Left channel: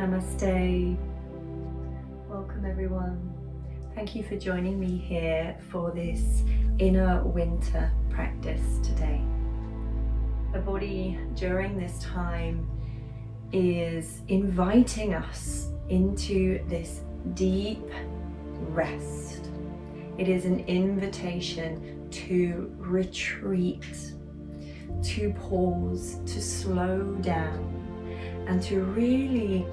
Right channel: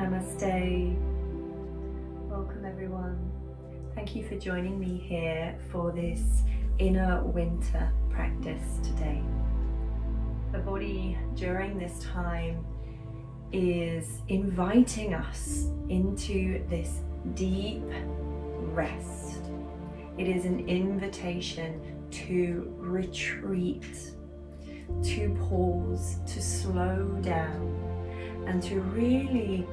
Namaste. Welcome everyone. Thank you for joining me here for this inner winter practice today. The body during this time is inviting us into this deep rest. It is an invitation to retreat, to pause, to slow down, and to really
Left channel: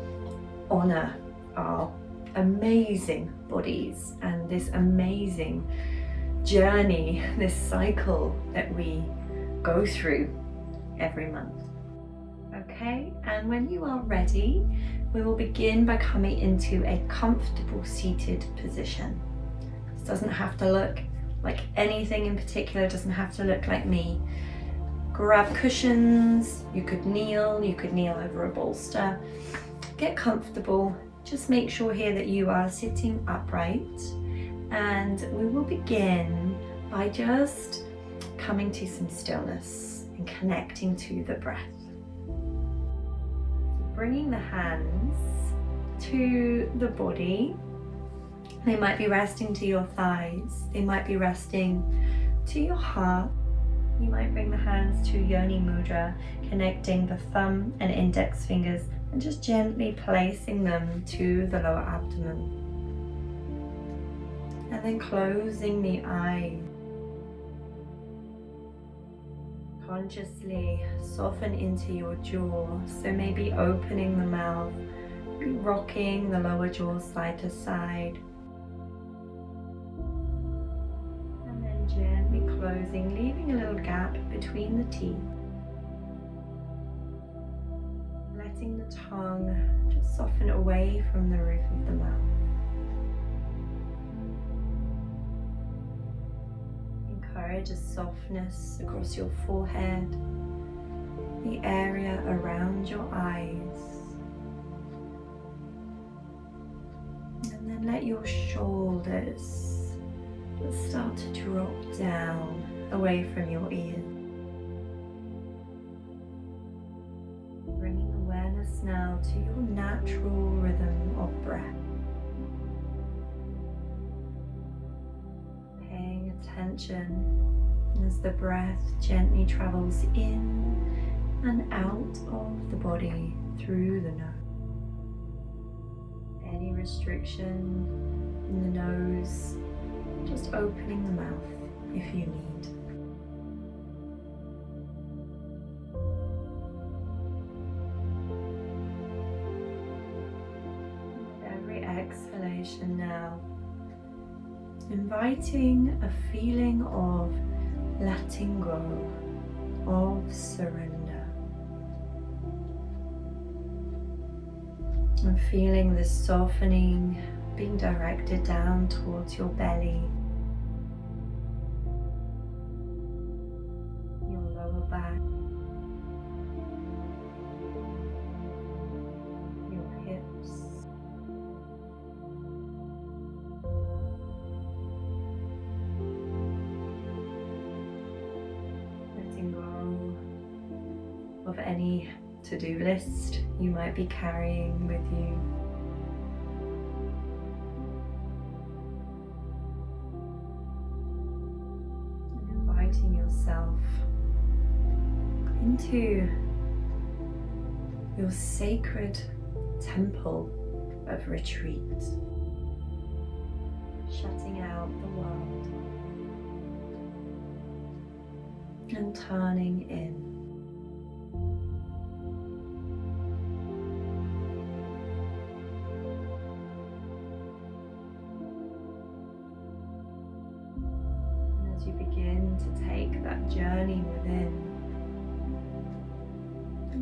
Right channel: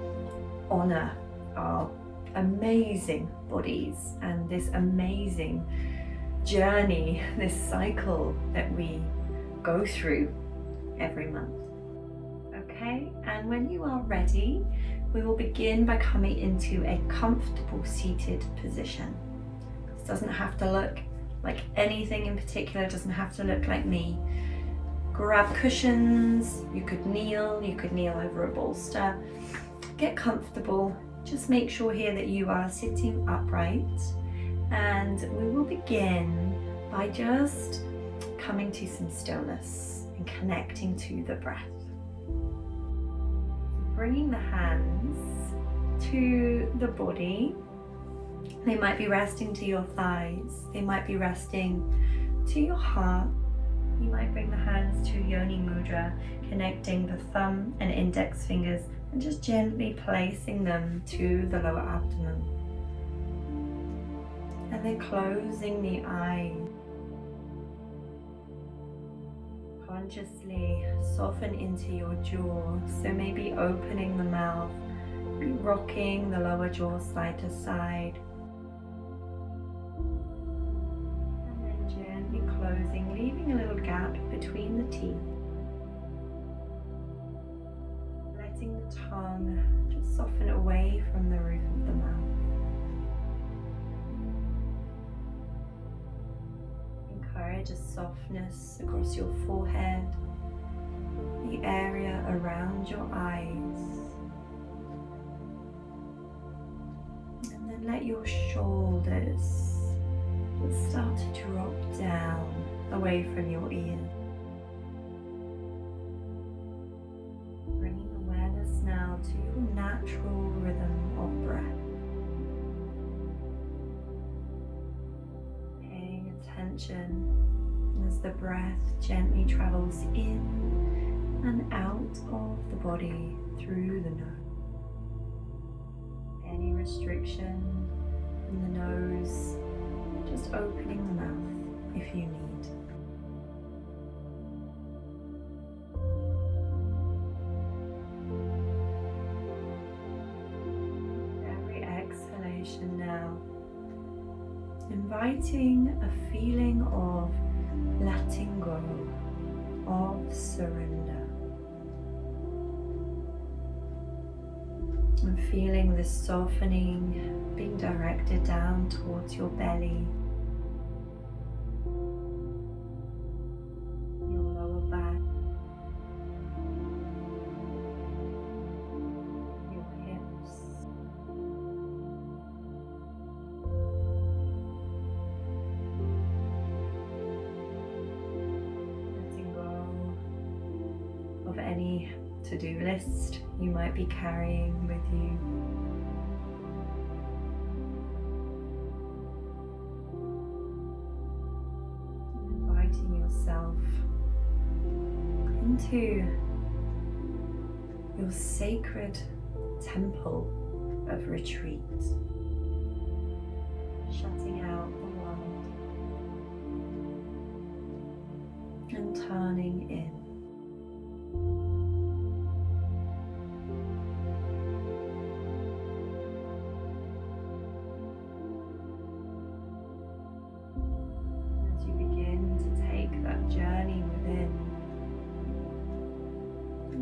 honor our amazing bodies and this amazing journey, this cycle that we go through every month. Okay, and when you are ready, we will begin by coming into a comfortable seated position. This doesn't have to look like anything in particular, it doesn't have to look like me. Grab cushions, you could kneel over a bolster. Get comfortable, just make sure here that you are sitting upright, and we will begin by just coming to some stillness and connecting to the breath. So bringing the hands to the body, they might be resting to your thighs, they might be resting to your heart. You might bring the hands to Yoni Mudra, connecting the thumb and index fingers and just gently placing them to the lower abdomen. And then closing the eyes. Consciously soften into your jaw, so maybe opening the mouth, maybe rocking the lower jaw side to side. Gently closing, leaving a little gap between the teeth. Letting the tongue just soften away from the roof of the mouth. Encourage a softness across your forehead, the area around your eyes. And then let your shoulders start to drop down away from your ears. Bringing awareness now to your natural rhythm of breath. Paying attention as the breath gently travels in and out of the body through the nose. Any restriction in the nose, just opening the mouth if you need. With every exhalation now, inviting a feeling of letting go, of surrender. And feeling the softening being directed down towards your belly, your lower back, your hips, letting go of any to-do list you might be carrying with you. Inviting yourself into your sacred temple of retreat, shutting out the world and turning in. You begin to take that journey within,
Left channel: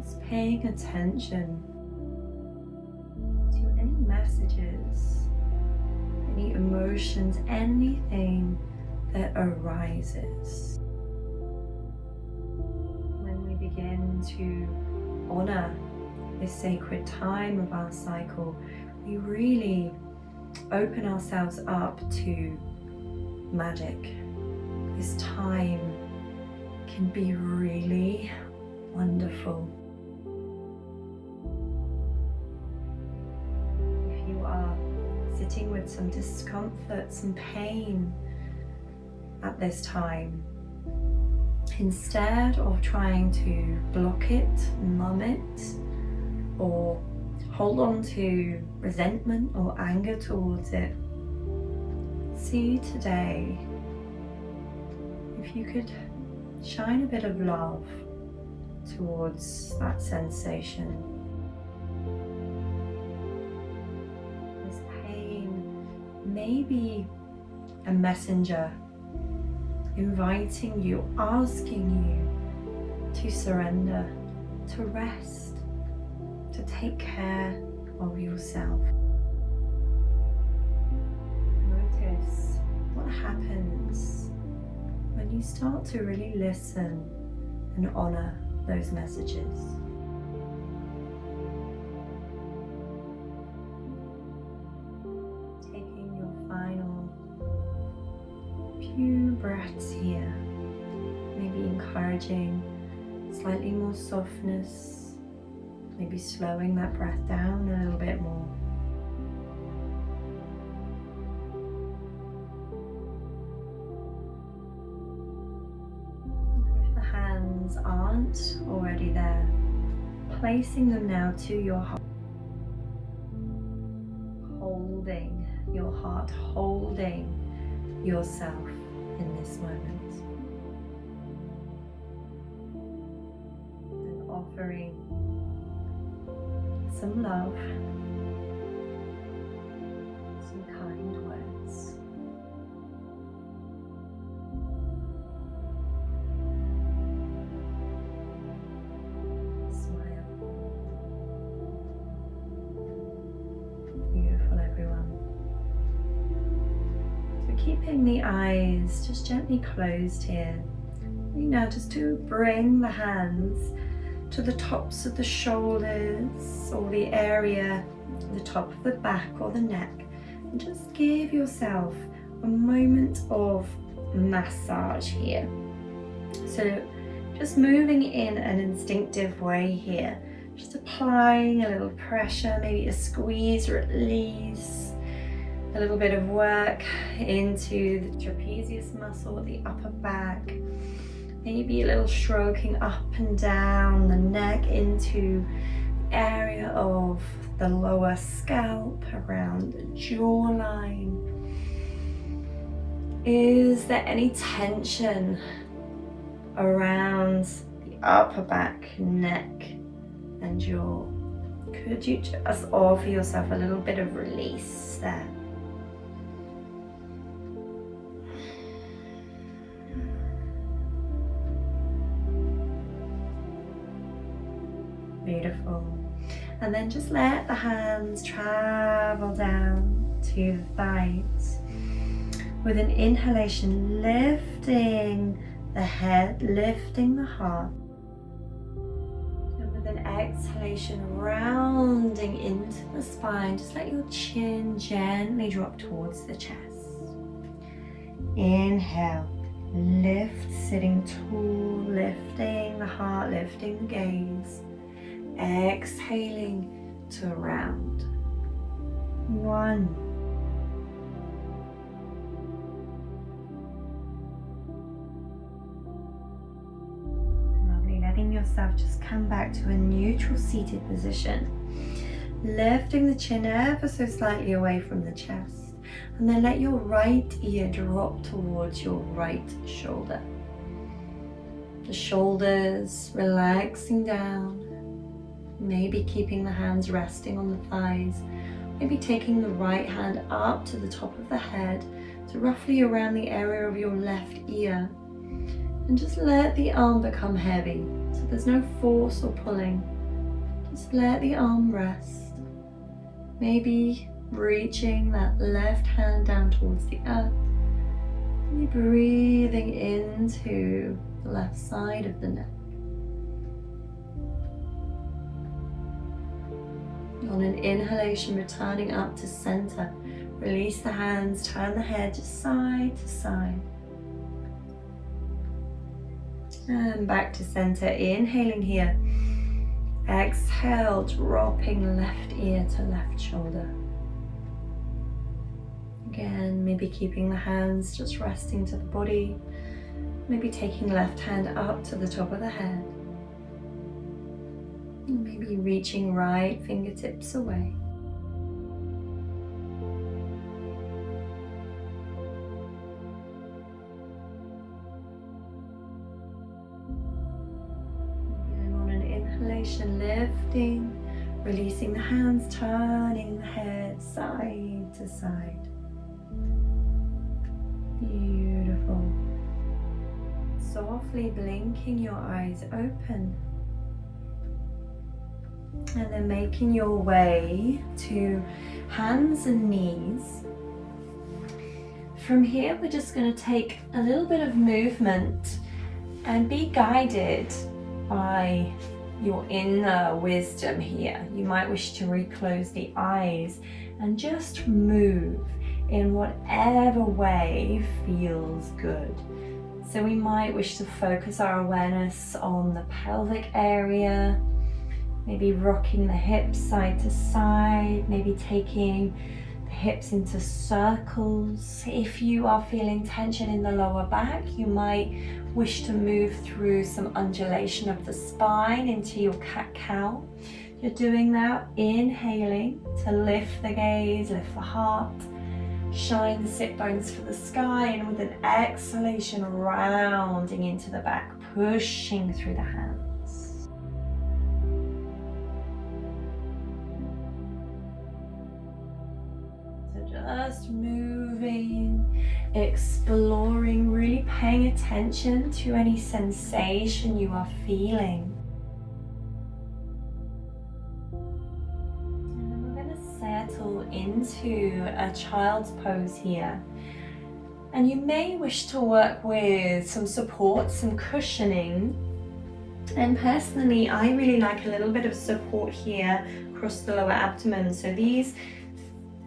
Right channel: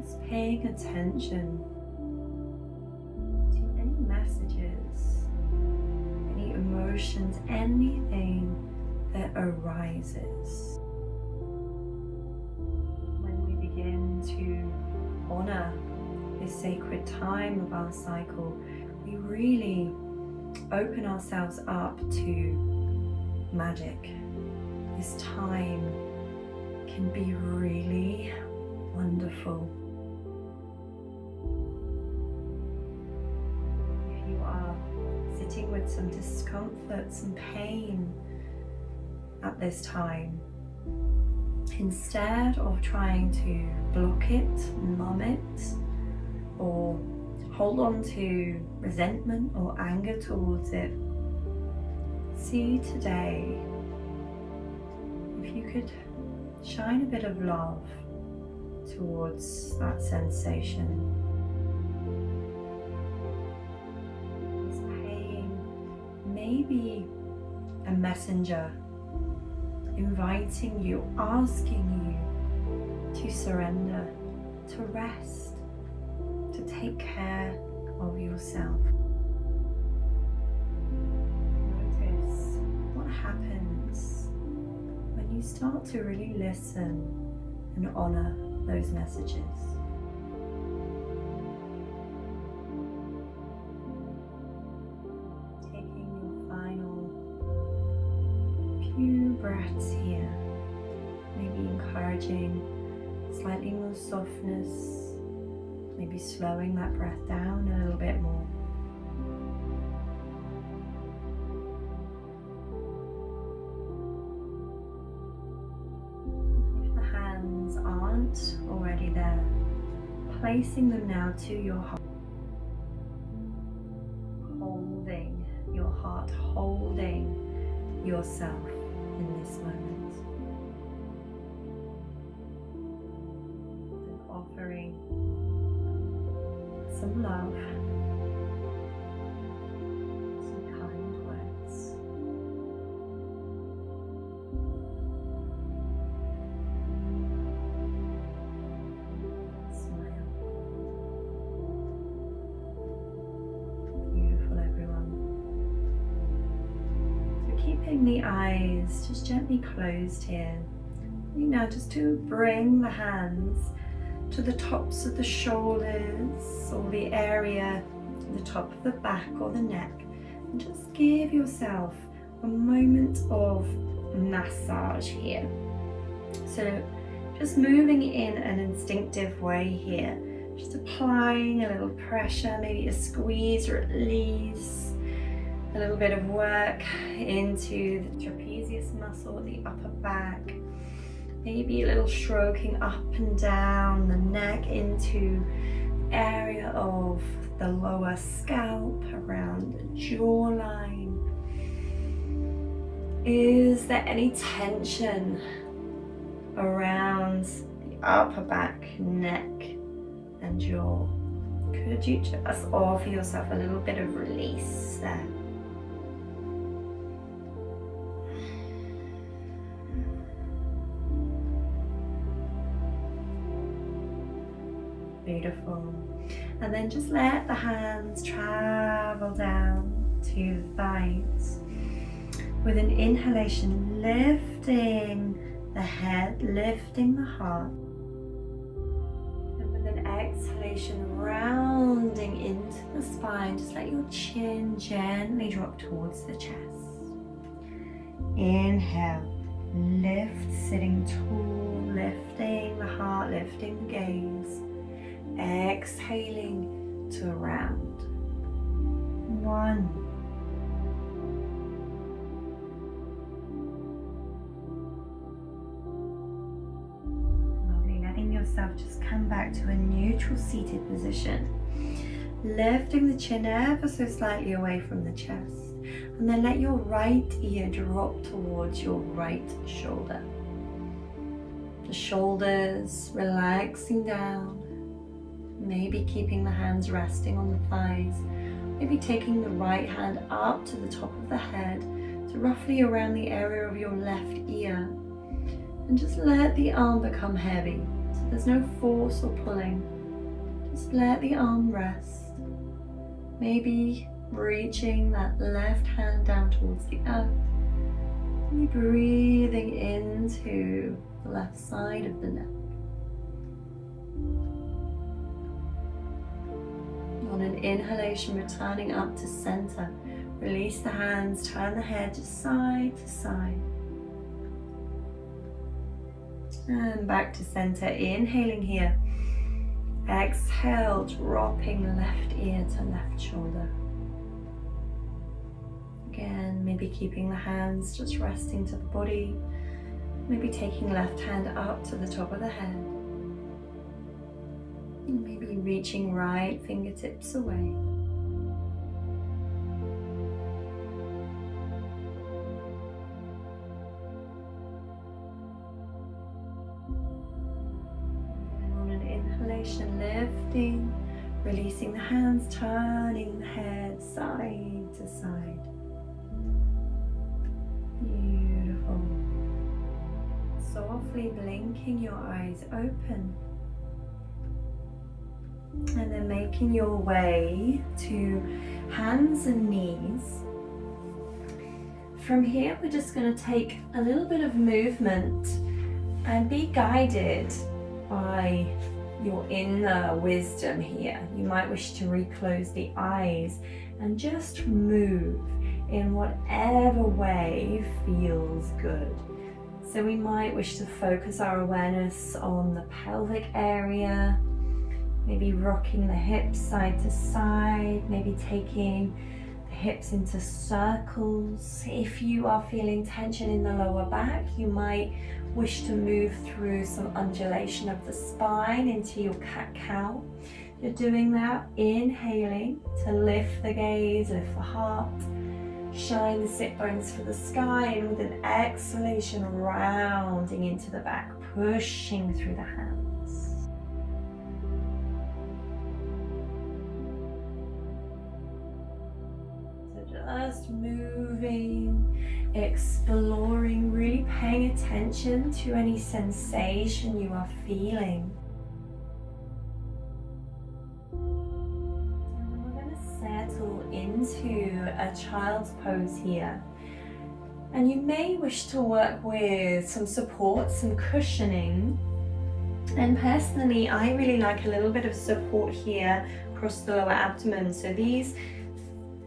just paying attention to any messages, any emotions, anything that arises. When we begin to honor this sacred time of our cycle, we really open ourselves up to magic. This time can be really wonderful. sitting with some discomfort, some pain at this time, instead of trying to block it, numb it, or hold on to resentment or anger towards it, see today if you could shine a bit of love towards that sensation. This pain may be a messenger inviting you, asking you to surrender, to rest, to take care of yourself. Notice what happens when you start to really listen and honor those messages. Taking your final few breaths here, maybe encouraging slightly more softness, maybe slowing that breath down a little bit more. If the hands aren't already there, placing them now to your heart, holding your heart, holding yourself in this moment, and offering some love, some kind words. Smile. Beautiful, everyone. So keeping the eyes just gently closed here. Now just to bring the hands to the tops of the shoulders or the area at the top of the back or the neck, and just give yourself a moment of massage here. So just moving in an instinctive way here, just applying a little pressure, maybe a squeeze or release, a little bit of work into the trapezius muscle at the upper back. Maybe a little stroking up and down the neck into the area of the lower scalp, around the jawline. Is there any tension around the upper back, neck and jaw? Could you just offer yourself a little bit of release there? Beautiful. And then just let the hands travel down to the thighs. With an inhalation, lifting the head, lifting the heart. And with an exhalation, rounding into the spine, just let your chin gently drop towards the chest. Inhale, lift, sitting tall, lifting the heart, lifting the gaze. Exhaling to round. 1. Lovely. Letting yourself just come back to a neutral seated position. Lifting the chin ever so slightly away from the chest. And then let your right ear drop towards your right shoulder. The shoulders relaxing down. Maybe keeping the hands resting on the thighs. Maybe taking the right hand up to the top of the head to roughly around the area of your left ear. And just let the arm become heavy. So there's no force or pulling. Just let the arm rest. Maybe reaching that left hand down towards the earth. Maybe breathing into the left side of the neck. On an inhalation, returning up to center. Release the hands, turn the head just side to side. And back to center, inhaling here. Exhale, dropping left ear to left shoulder. Again, maybe keeping the hands just resting to the body. Maybe taking left hand up to the top of the head. Maybe reaching right fingertips away. Again, on an inhalation, lifting, releasing the hands, turning the head side to side. Beautiful. Softly blinking your eyes open. And then making your way to hands and knees. From here, we're just going to take a little bit of movement and be guided by your inner wisdom here. You might wish to reclose the eyes and just move in whatever way feels good. So we might wish to focus our awareness on the pelvic area, maybe rocking the hips side to side, maybe taking the hips into circles. If you are feeling tension in the lower back, you might wish to move through some undulation of the spine into your cat-cow. You're doing that, inhaling to lift the gaze, lift the heart, shine the sit bones for the sky, and with an exhalation, rounding into the back, pushing through the hands. Just moving, exploring, really paying attention to any sensation you are feeling. And then we're going to settle into a child's pose here. And you may wish to work with some support, some cushioning. And personally, I really like a little bit of support here across the lower abdomen. So these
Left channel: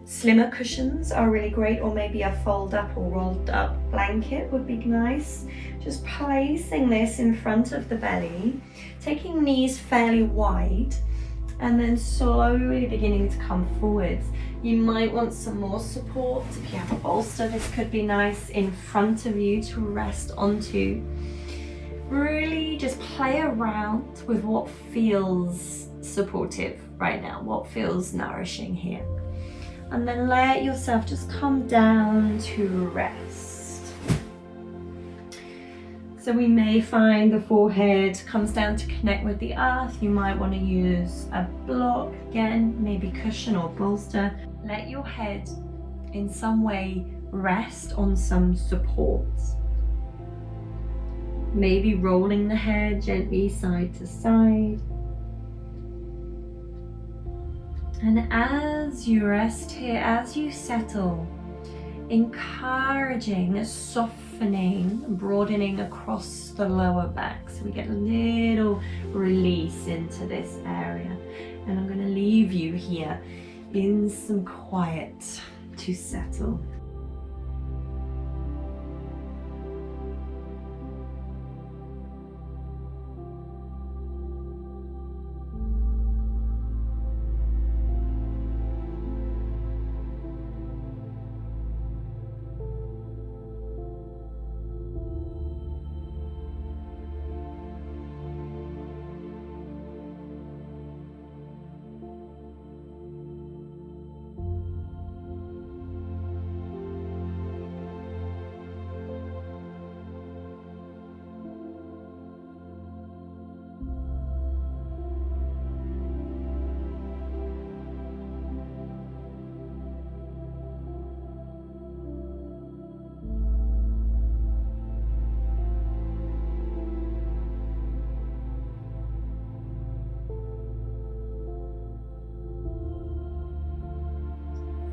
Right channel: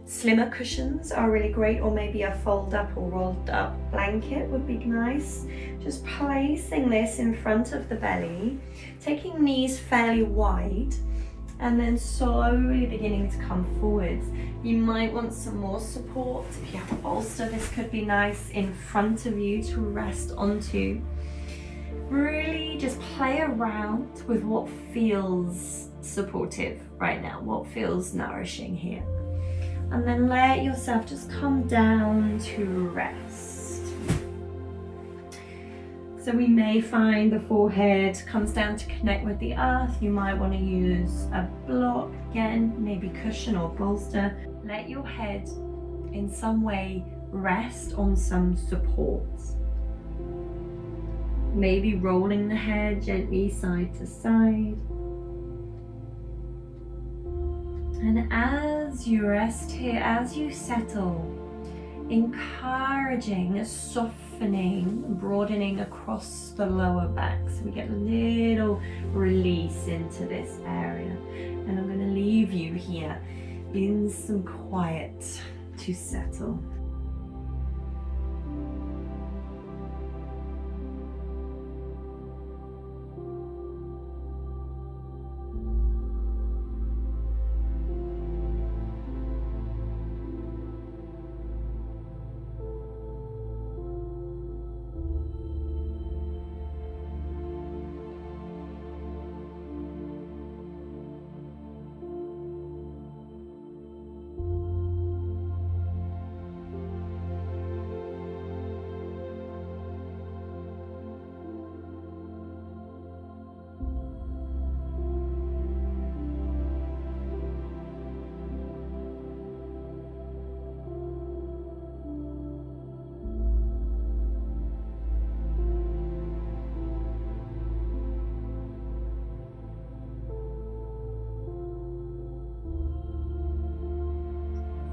slimmer cushions are really great, or maybe a fold up or rolled up blanket would be nice. Just placing this in front of the belly, taking knees fairly wide, and then slowly beginning to come forwards. You might want some more support. If you have a bolster, this could be nice in front of you to rest onto. Really just play around with what feels supportive right now, what feels nourishing here. And then let yourself just come down to rest. So we may find the forehead comes down to connect with the earth. You might want to use a block, again, maybe cushion or bolster. Let your head in some way rest on some supports. Maybe rolling the head gently side to side. And as you rest here, as you settle, encouraging, softening, broadening across the lower back. So we get a little release into this area. And I'm going to leave you here in some quiet to settle.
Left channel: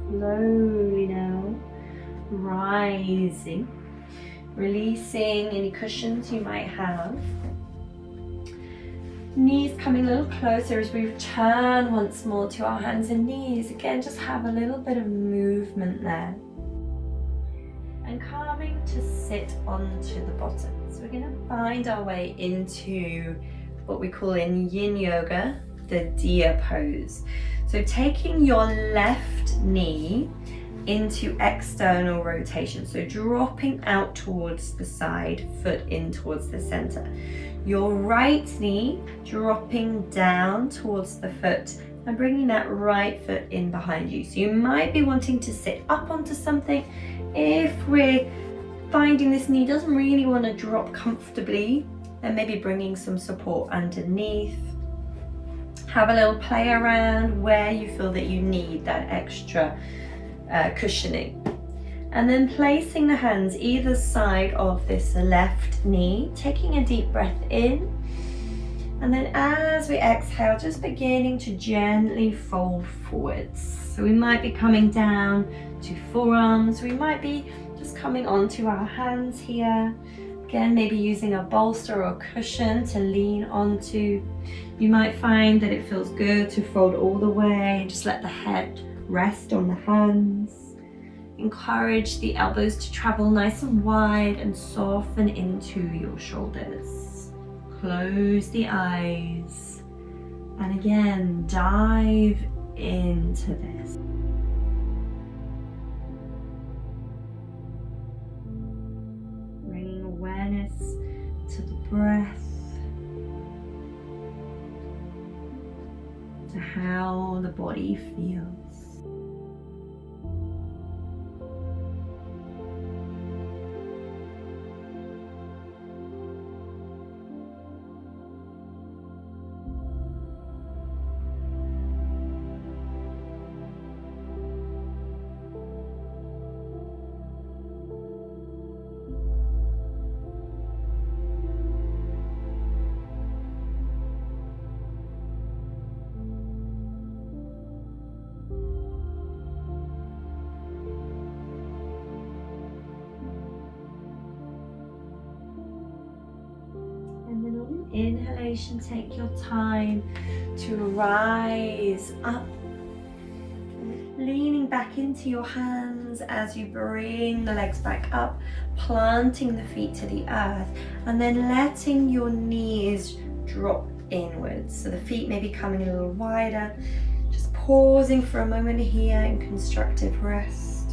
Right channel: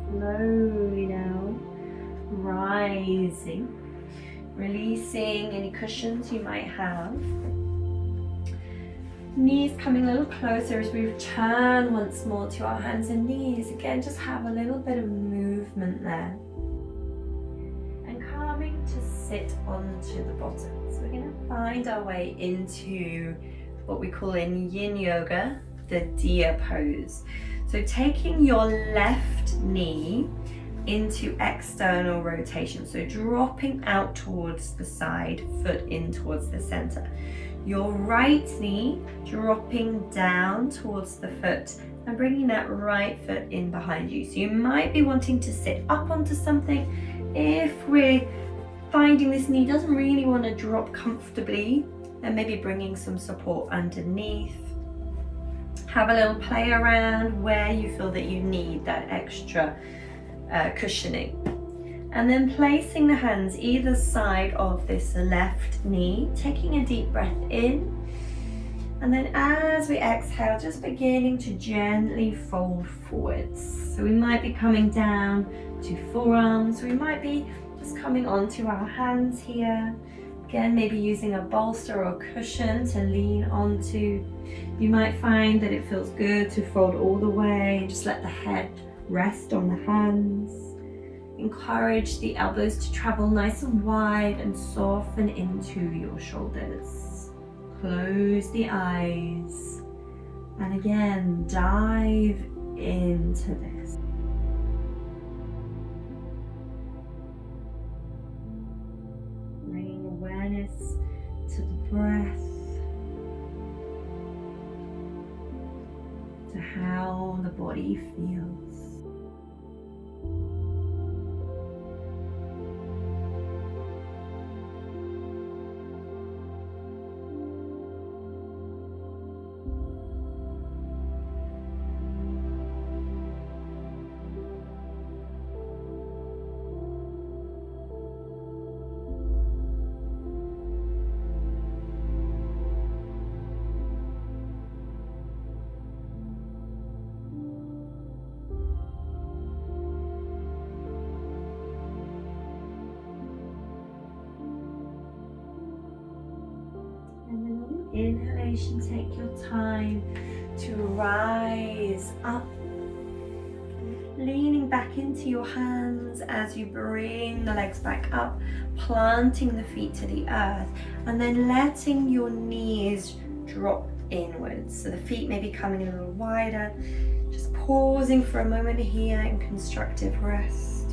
Slowly now, rising, releasing any cushions you might have. Knees coming a little closer as we return once more to our hands and knees. Again, just have a little bit of movement there. And coming to sit onto the bottom. So we're going to find our way into what we call in yin yoga, the deer pose. So taking your left knee into external rotation. So dropping out towards the side, foot in towards the center. Your right knee dropping down towards the foot and bringing that right foot in behind you. So you might be wanting to sit up onto something. If we're finding this knee doesn't really want to drop comfortably, then maybe bringing some support underneath. Have a little play around where you feel that you need that extra cushioning. And then placing the hands either side of this left knee, taking a deep breath in. And then as we exhale, just beginning to gently fold forwards. So we might be coming down to forearms. We might be just coming onto our hands here. Again, maybe using a bolster or cushion to lean onto. You might find that it feels good to fold all the way and just let the head rest on the hands. Encourage the elbows to travel nice and wide and soften into your shoulders. Close the eyes and again dive into this. Bringing awareness to the breath, to how the body feels. Inhalation, take your time to rise up, leaning back into your hands as you bring the legs back up, planting the feet to the earth, and then letting your knees drop inwards. So the feet may be coming a little wider, just pausing for a moment here in constructive rest.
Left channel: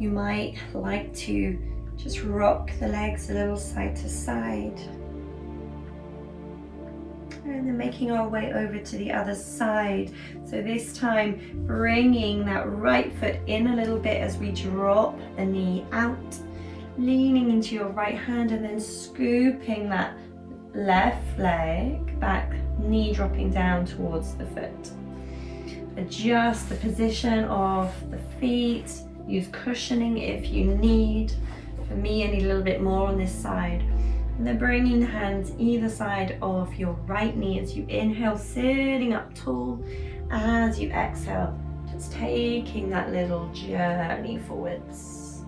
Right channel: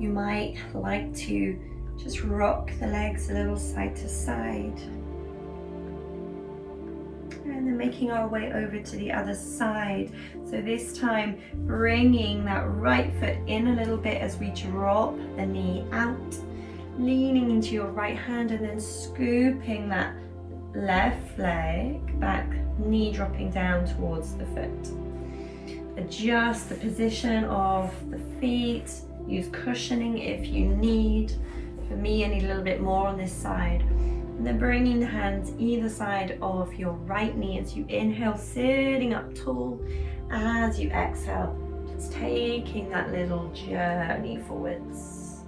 You might like to just rock the legs a little side to side. And then making our way over to the other side. So this time bringing that right foot in a little bit as we drop the knee out. Leaning into your right hand and then scooping that left leg back, knee dropping down towards the foot. Adjust the position of the feet. Use cushioning if you need. For me, I need a little bit more on this side. And then bringing the hands either side of your right knee as you inhale, sitting up tall. As you exhale, just taking that little journey forwards.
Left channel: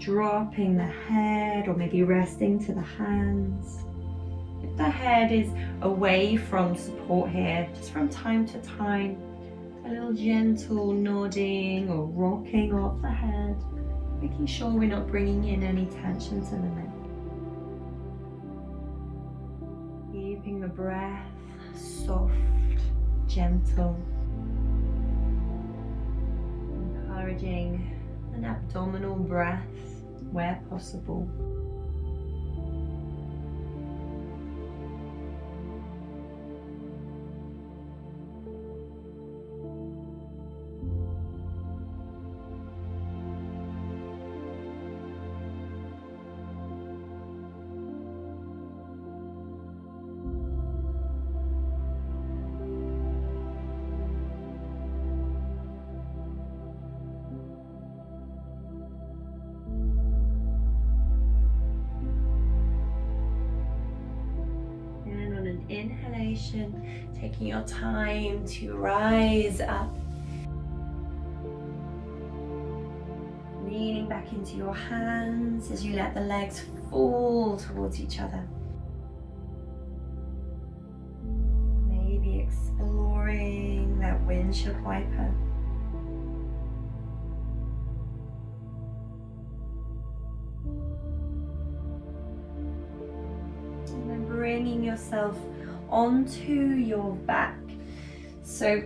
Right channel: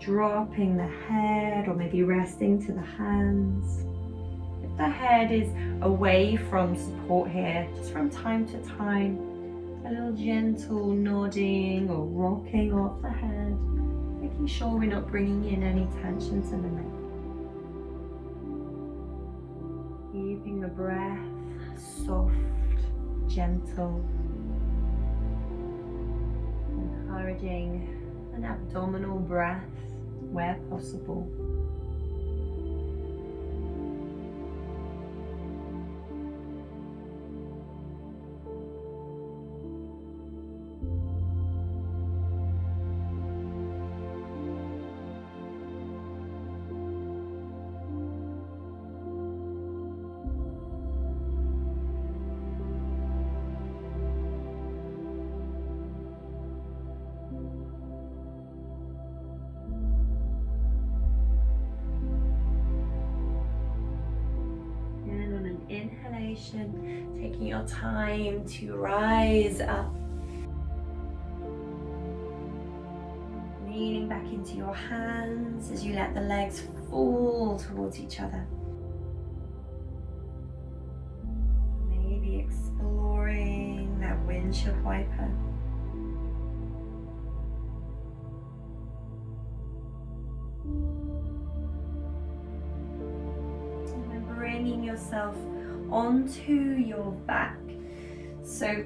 Dropping the head or maybe resting to the hands. If the head is away from support here, just from time to time, a little gentle nodding or rocking off the head. Making sure we're not bringing in any tensions in the neck. Keeping the breath soft, gentle. Encouraging an abdominal breath where possible. Inhalation, taking your time to rise up, leaning back into your hands as you let the legs fall towards each other. Maybe exploring that windshield wiper. And then bringing yourself onto your back. So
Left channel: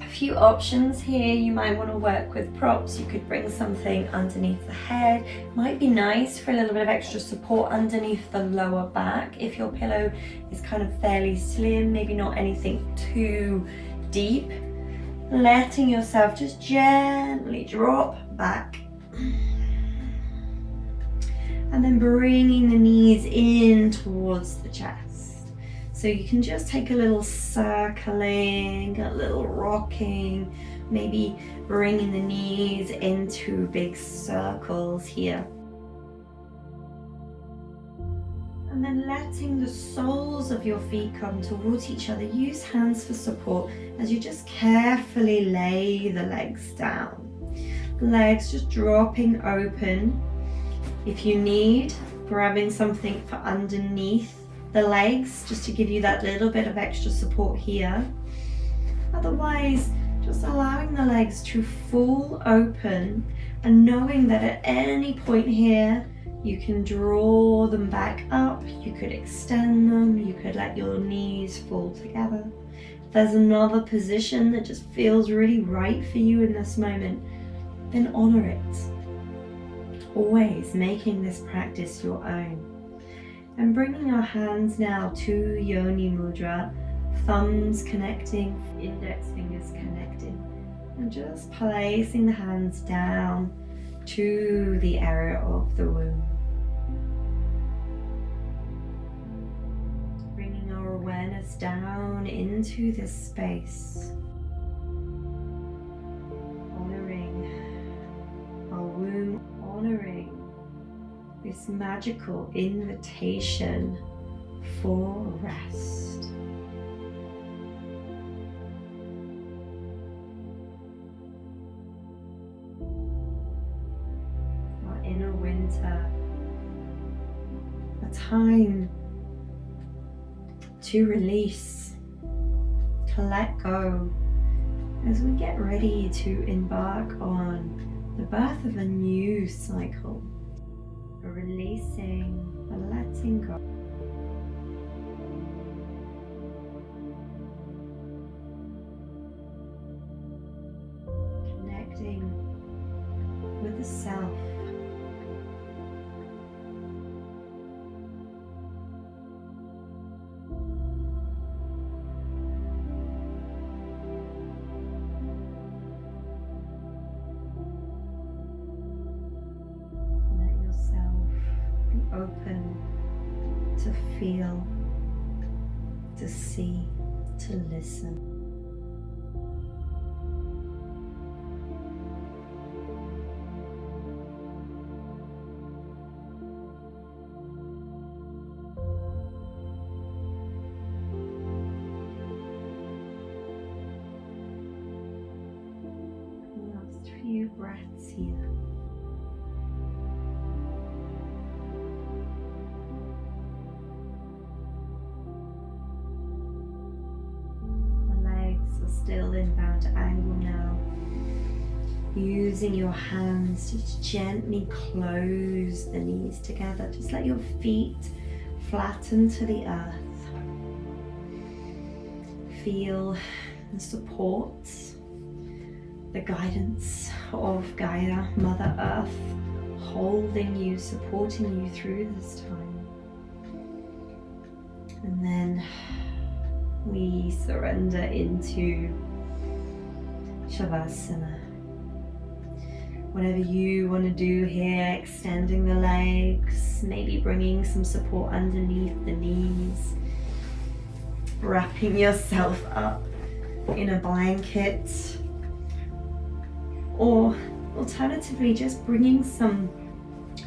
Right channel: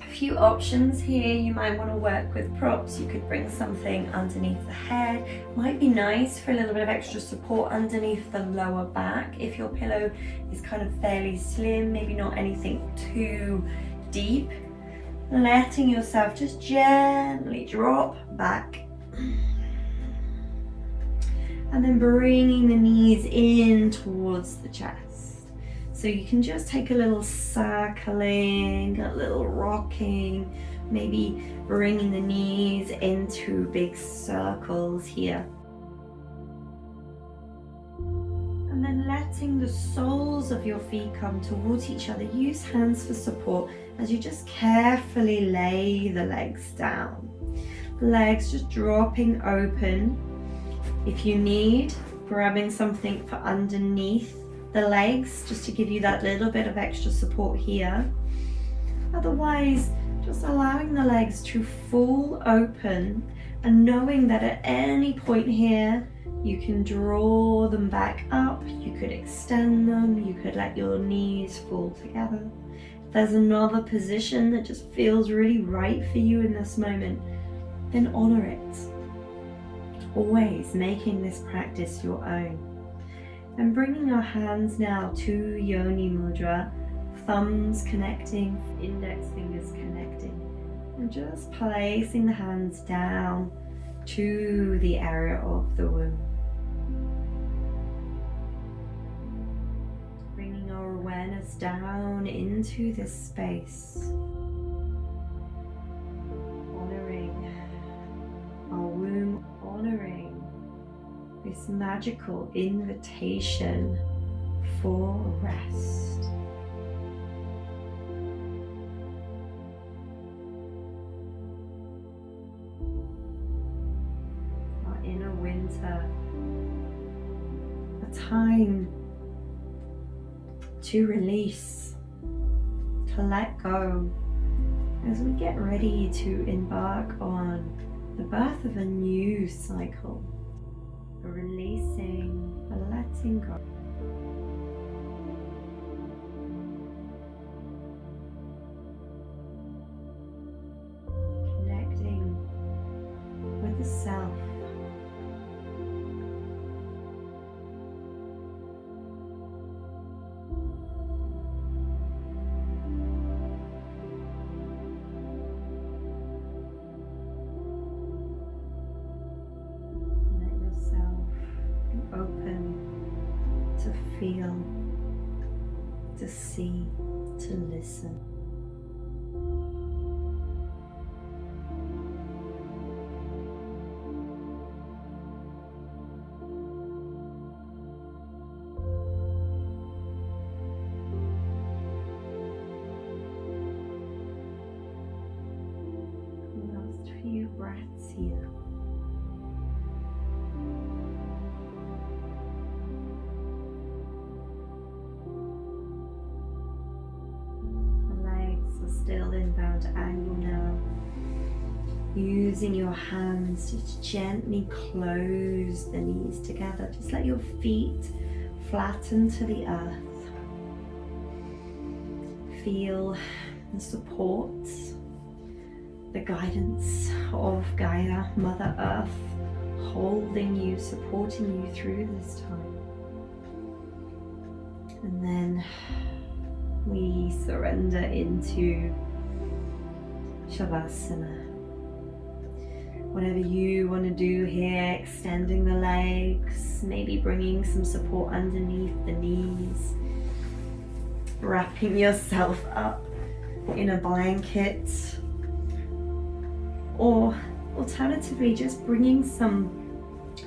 if few options here. You might want to work with props. You could bring something underneath the head. Might be nice for a little bit of extra support underneath the lower back. If your pillow is kind of fairly slim, maybe not anything too deep, letting yourself just gently drop back. And then bringing the knees in towards the chest. So you can just take a little circling, a little rocking, maybe bringing the knees into big circles here. And then letting the soles of your feet come towards each other. Use hands for support as you just carefully lay the legs down. The legs just dropping open. If you need, grabbing something for underneath the legs just to give you that little bit of extra support here. Otherwise, just allowing the legs to fall open and knowing that at any point here you can draw them back up, you could extend them, you could let your knees fall together. If there's another position that just feels really right for you in this moment, then honor it. Always making this practice your own. And bringing our hands now to Yoni Mudra, thumbs connecting, index fingers connecting, and just placing the hands down to the area of the womb. Bringing our awareness down into this space, honoring our womb, honoring this magical invitation for rest. Our inner winter, a time to release, to let go, as we get ready to embark on the birth of a new cycle. Releasing and letting go. Connecting with the self. Be open to feel, to see, to listen. Last few breaths here. Still inbound angle now. Using your hands to gently close the knees together. Just let your feet flatten to the earth. Feel the support, the guidance of Gaia, Mother Earth, holding you, supporting you through this time. And then we surrender into Shavasana. Whatever you want to do here, extending the legs, maybe bringing some support underneath the knees, wrapping yourself up in a blanket, or alternatively just bringing some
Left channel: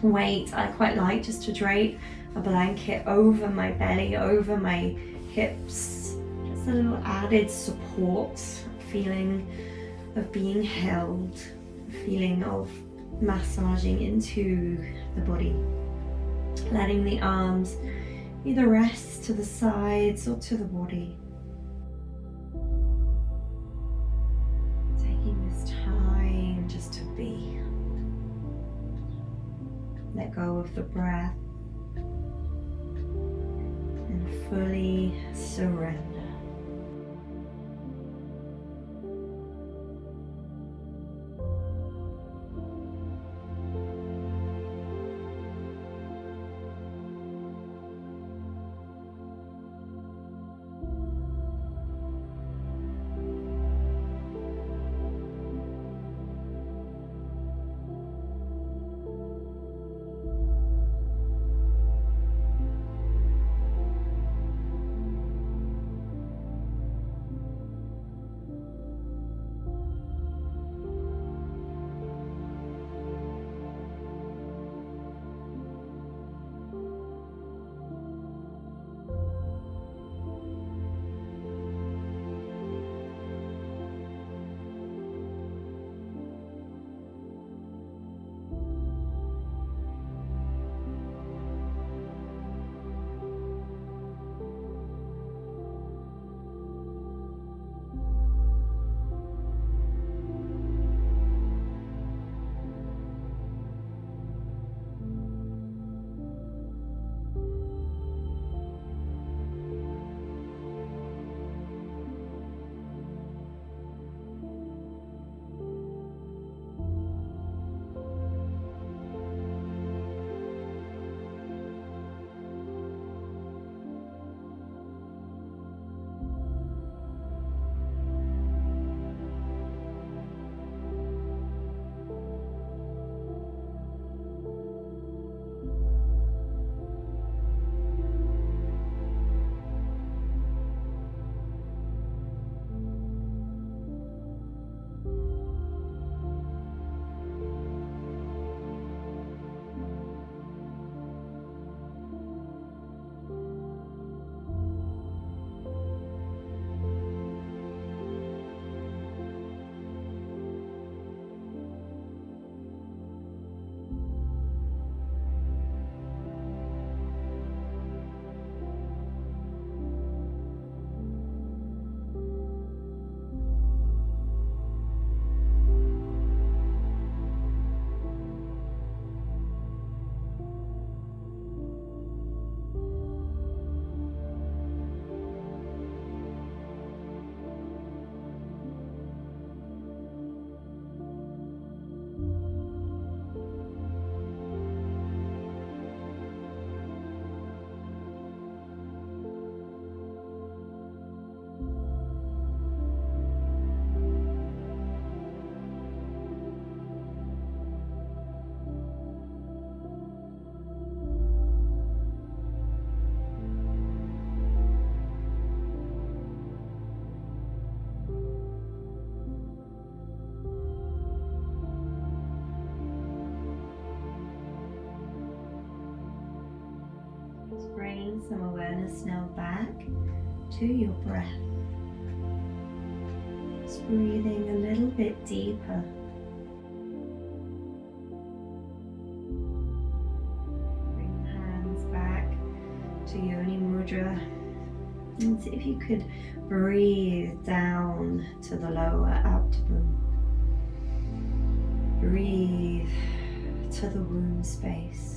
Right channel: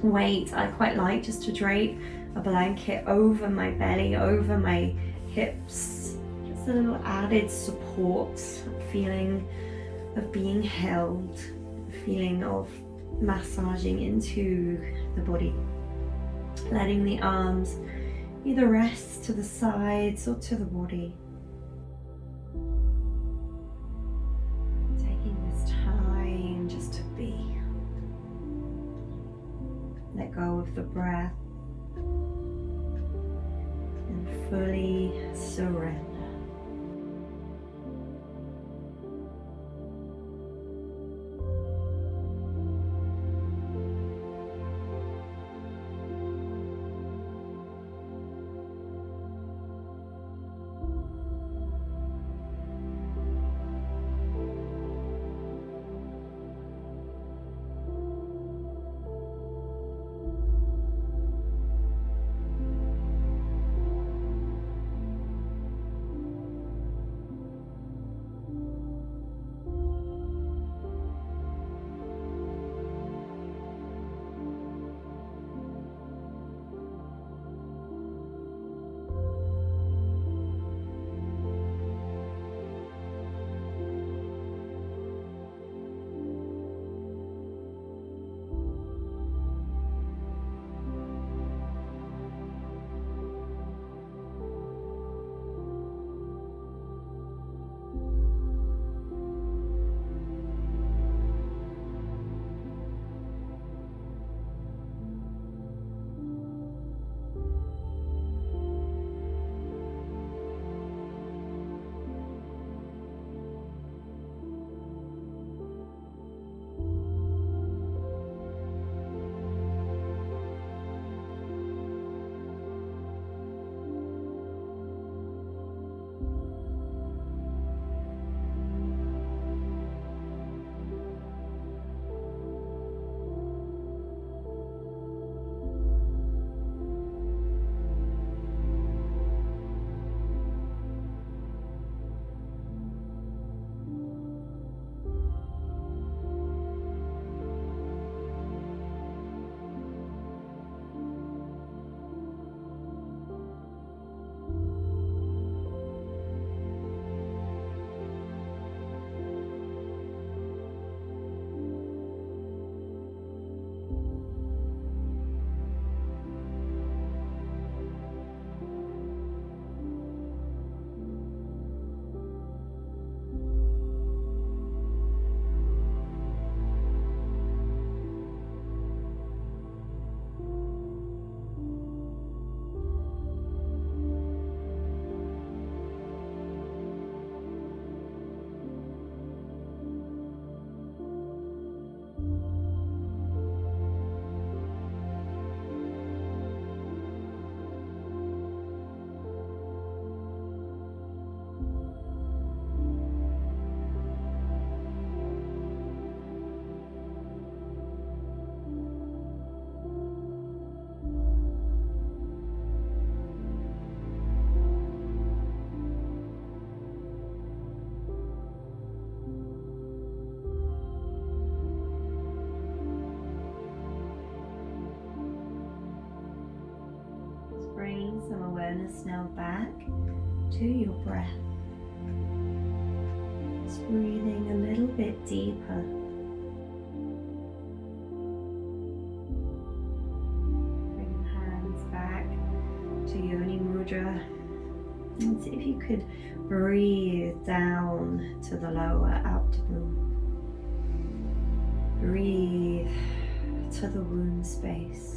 weight. I quite like just to drape a blanket over my belly, over my hips. A little added support, feeling of being held, feeling of massaging into the body. Letting the arms either rest to the sides or to the body. Taking this time just to be. Let go of the breath and fully surrender. some awareness now back to your breath. Just breathing a little bit deeper. Bring the hands back to Yoni Mudra. And see if you could breathe down to the lower abdomen. Breathe to the womb space.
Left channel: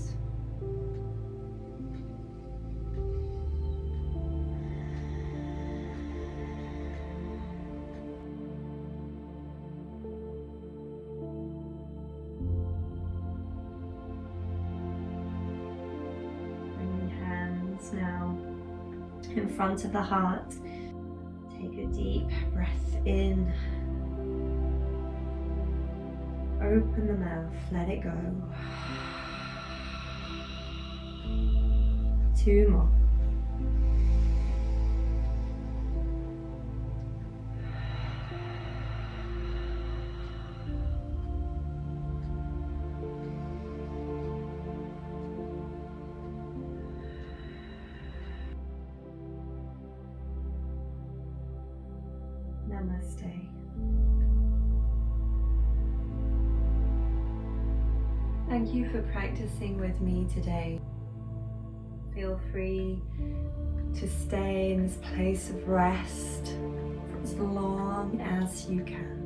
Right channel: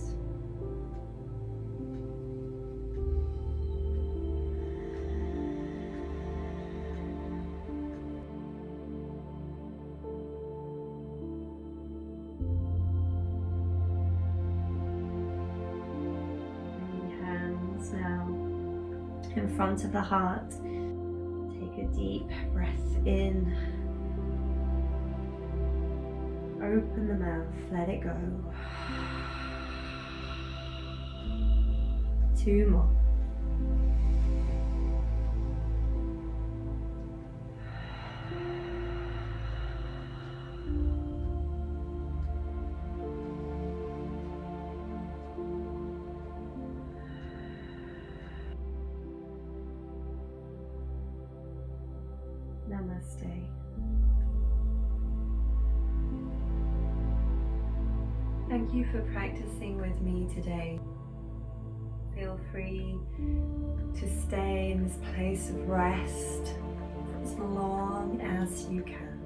Bring your hands now in front of the heart. Take a deep breath in. Open the mouth, let it go. 2 more. Namaste. Thank you for practicing with me today. Feel free to stay in this place of rest for as long as you can.